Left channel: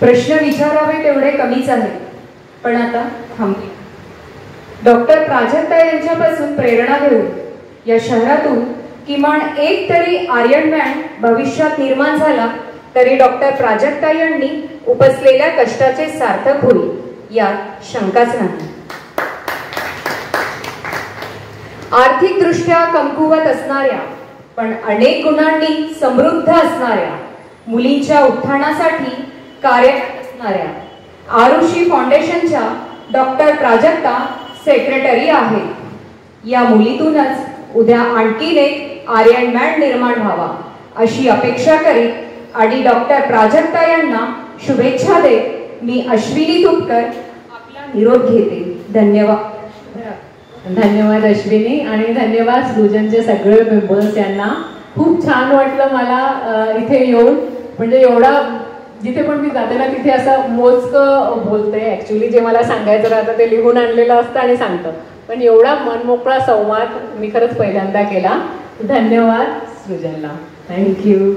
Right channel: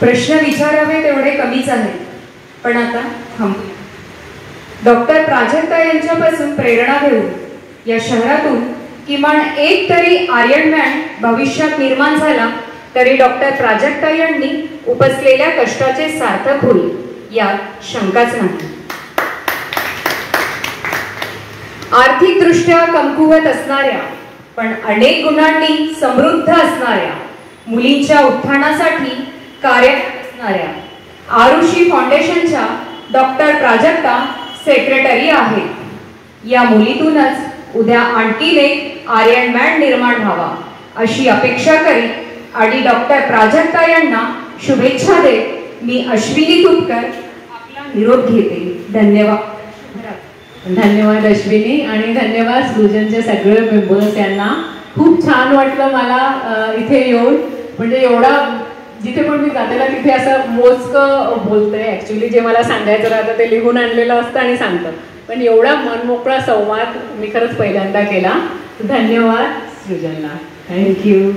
प्रश्न विचारावे तेवढे कमीच आहेत, पण आता थांबूया. डॉक्टर प्राजक्ता यांच्यापासून प्रेरणा घेऊन या शहरातून किमान एक तरी आर्यनमॅन भविष्यात निर्माण झाला तरी डॉक्टर प्राजक्ता यांनी उपसलेल्या कष्टाचे सार्थक होईल यात शंकाच नाही. आर्थिकदृष्ट्या कमकुवत असणाऱ्या पण अनेक गुणांनी समृद्ध असणाऱ्या मुलींच्या उत्थानासाठी कार्यरत असणाऱ्या आरुषी फाउंडेशनच्या डॉक्टर प्राजक्ता सेक्रेटरी आहेत. या मुलीतूनच उद्या आणखी एक आर्यनमॅन निर्माण व्हावा अशी अपेक्षा करीत आणि डॉक्टर प्राजक्ता यांना शुभेच्छा देत मी अश्विनी तुपकर आपला निरोप घेते. धन्यवाद. धन्यवाद अश्विनी आणि धन्यवाद सृजनचे सगळे मेंबर्स यांना. खूप छान वाटलं मला इथे येऊन. म्हणजे एवढा जिथे पण मी जाते ना तिथे असं मोजकं बोलते. ॲक्च्युली जे मला सांगायचं राहतं ते लिहून आणलेलं असतं आणि सांगतं, पण एवढा मनमोकळा संवाद मी खरंच पहिल्यांदा केला. धन्यवाद सृजनला. थँक्यू.